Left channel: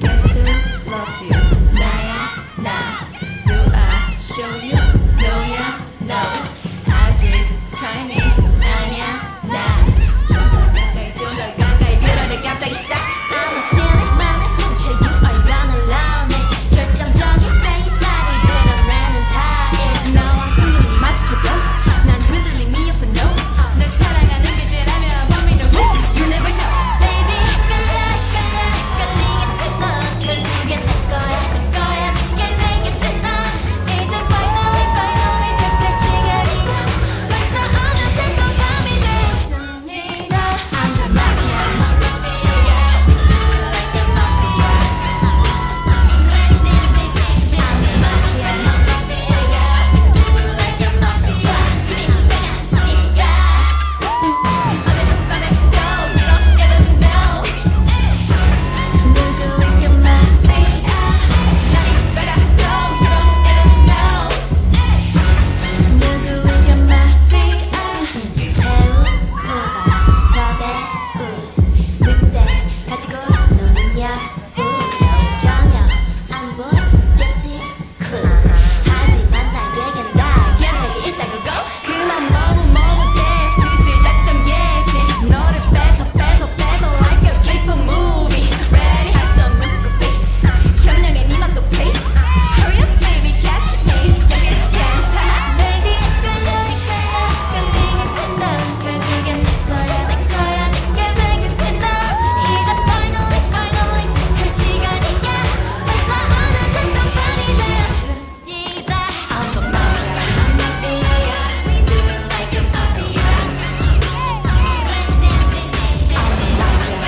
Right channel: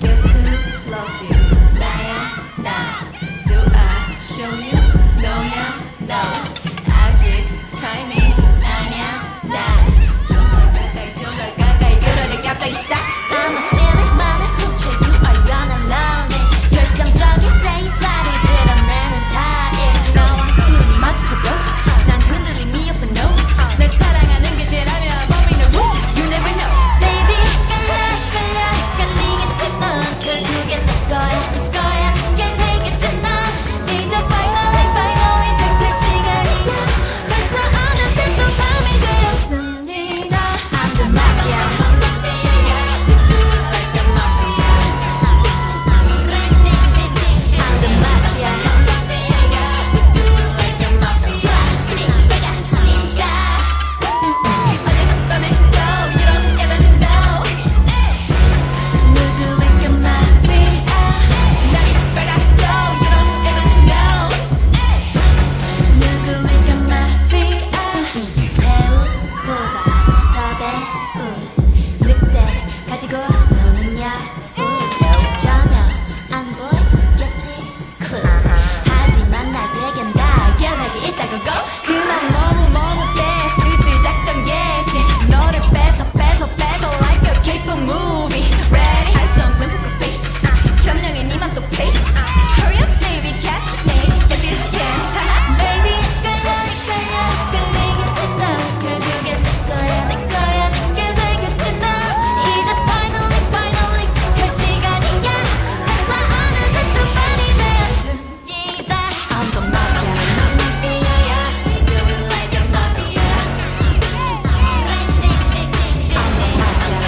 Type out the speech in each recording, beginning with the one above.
Guess who loves you? 나야 나. Do I show you? No야 no. 아직 타이밍 아니야 난. 좀 더 가까이 그러다 갑자기 싹. I'ma steal it 맘을 훔쳐. You are gonna love me. 결정적일 때 이 발을 드러내는 타입. 나와 눈이 마주쳐도 난 흔들림이 없어 no. 널 사랑하는 게 죄라면 범인은 who? You never know. Baby 깔리겠지 넌 결국엔 내 거야 내게 되겠지 넌 이제 finally 택할 시간이야. 벌써 어느새 또 밤이 되었습니다. I'm the Mafia. I'm the Mafia. 누구일까 Mafia. 누구일까 Mafia. 배우보다 더 배우. 늑대 가지고 노는 여우. 전혀 안 보였겠지 clue. 하지만 나에겐 다 계획이 있다고 go. 그만 머뭇대 슬슬 작전 개시. 너를 뺏어 like a K-pop movie. Ready? 할 수 없는 poker face. 점령해 네 맘속 place. Hurry up baby catch me if you can. Baby 끌리겠지 넌 결국엔 내 거야 내게 되겠지 넌 이제 finally 택할 시간이야. 벌써 어느새 또 밤이 되었습니다. I'm the Mafia. I'm the Mafia.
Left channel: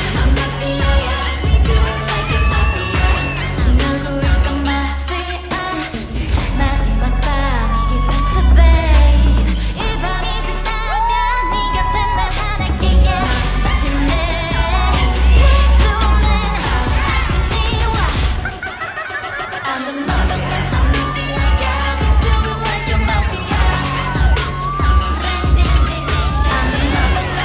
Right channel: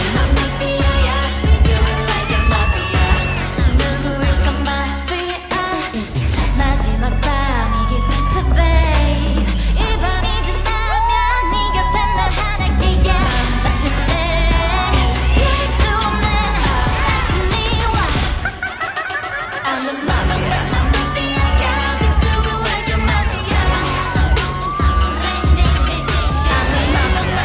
누구일까 Mafia. 마지막 밤이 깊었어 babe. 이 밤이 지나면 네 곁에 나 하나기야. 마침내 피할 수 없는 아침이 와. I'm the Mafia. I'm the Mafia.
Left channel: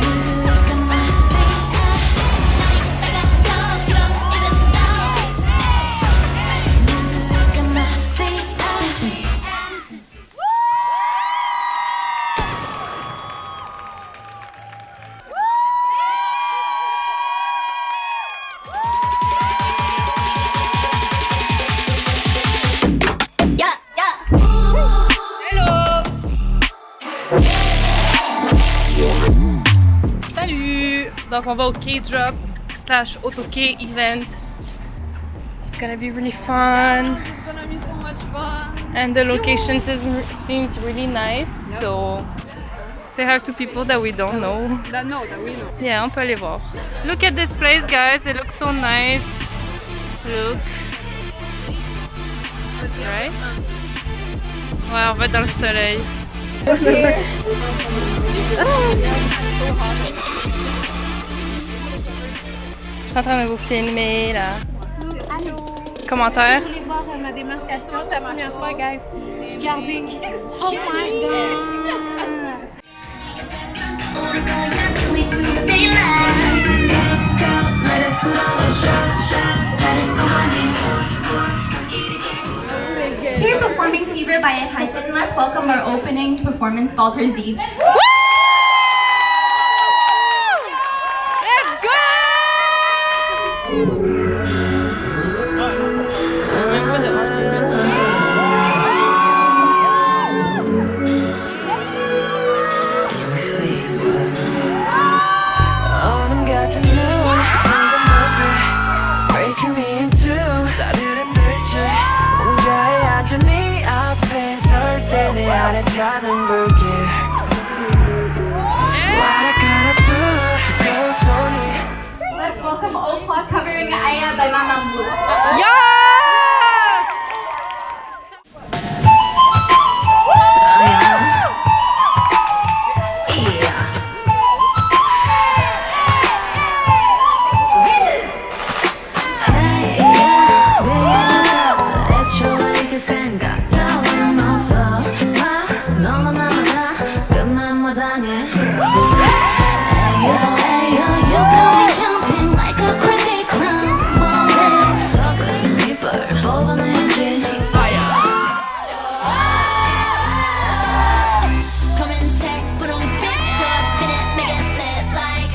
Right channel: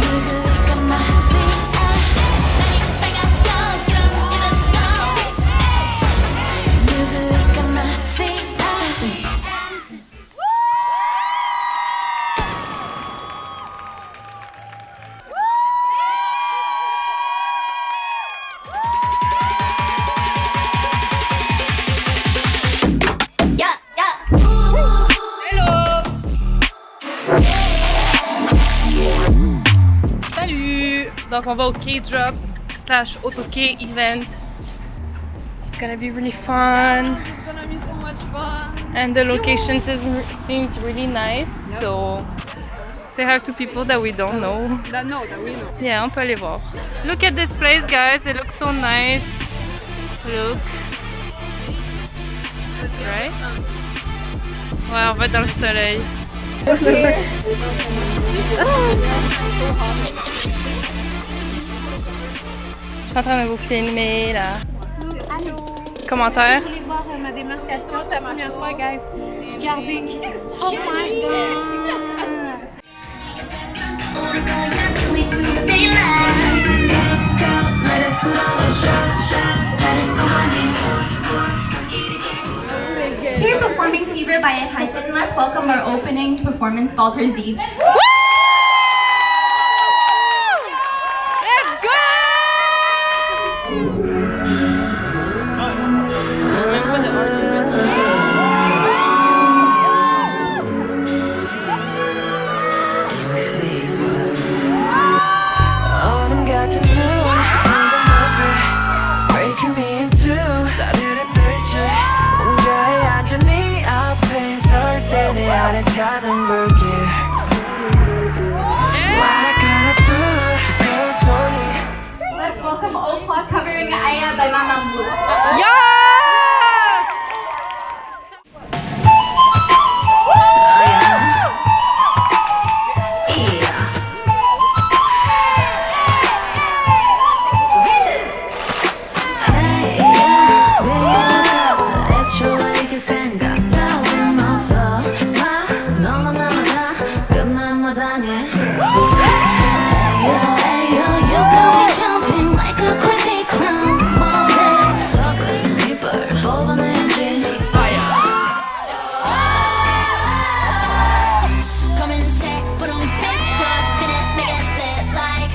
누구일까 Mafia. 누구일까 Mafia. Salut! Donc on va au KDROP / OTTOKE event. It's gonna be really fun. It's gonna be so much fun. And the location seems really nice. So say hi to people that we don't know. That we know. Yeah, on peut aller voir. Look at this place guys, it looks so nice. Look. Right? Ouais, on va être dans le soleil. Je suis en train de vous filmer là. Commentaire? Vous voulez voir ma démarcation, c'est la première fois, guys. Regardez. Oh my god! Here's Performing Fever by Hypen. Let's welcome our opening performance, Falter Z. Let's go! Give me fever. 얼음 같은 눈, 붉은 눈빛, breaking me in two. 나를 흔들지. 혼자에 앉아 네 앞에 설 때 내 안에 타는 불길. What I gotta do? 뜨거운 손이. Let's welcome Opa covering Aya by Mafia. Yes! Yeah. 방해 Ayo, you got me jumping like a crazy crown 썩은 이불 뽑아내야지 검은색 분홍빛 in it, make it lit like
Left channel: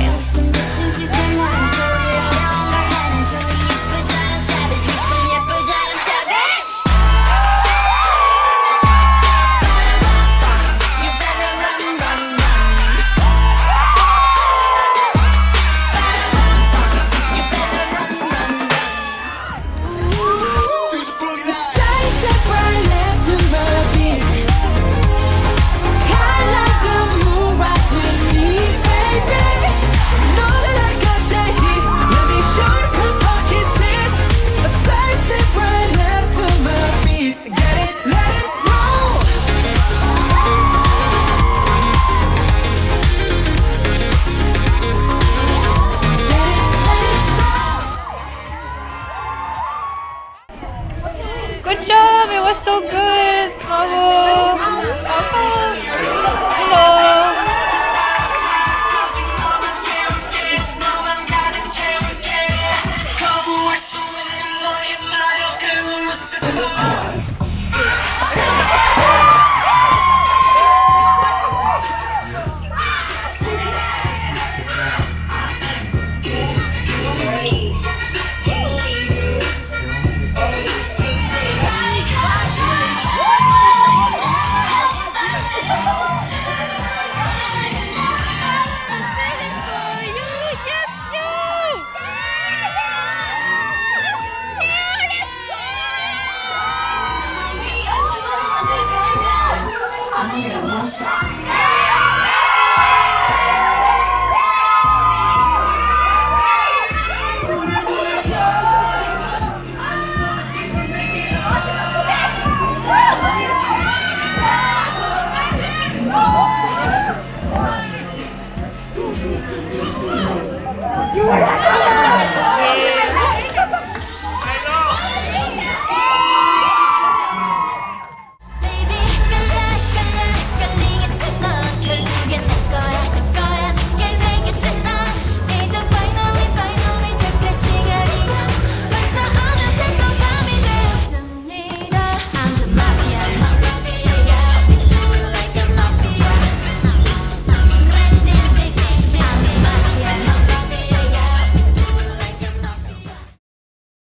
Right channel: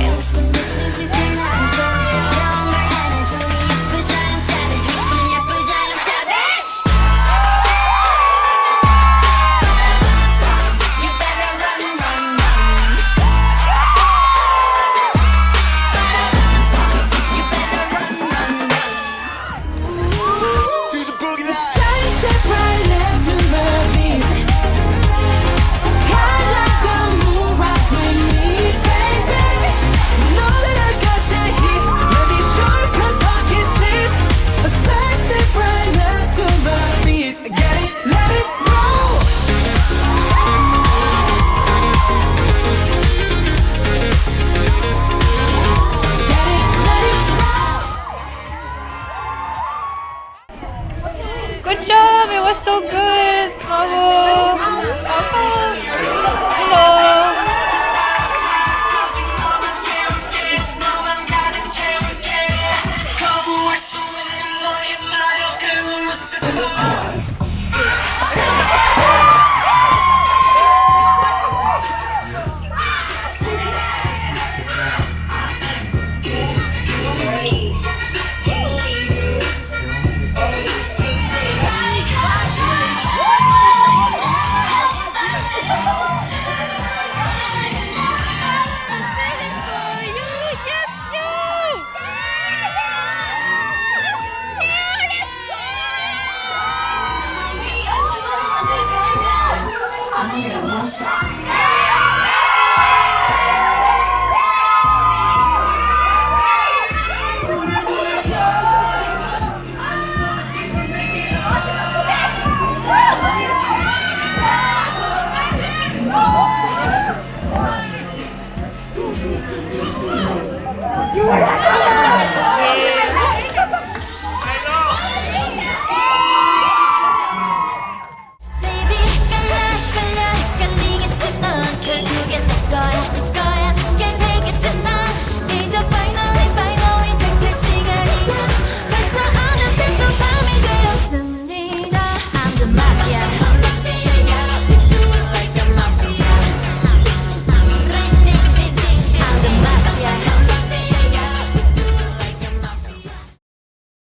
Yeah, with some bitches you can write a story 어려운 걸 하는 저기 예쁘지 않은 savage with some 예쁘지 않은 savage You better run, run, run You better run, run, run To the boogie line. Side step right left to my beat. I like the move right with me, baby. Know that I got that heat. Let me show you 'cause talk is cheap. A side step right left to my beat. Get it, let it roll. Get it, let it roll. Good job! It was so good! Bravo! Hello! Baby, 깔리겠지 넌 결국엔 내 거야 늦게 되겠지 넌 이제 finally 택할 시간이야 벌써 어느새 또 밤이 되었습니다 I'm the Mafia I'm the Mafia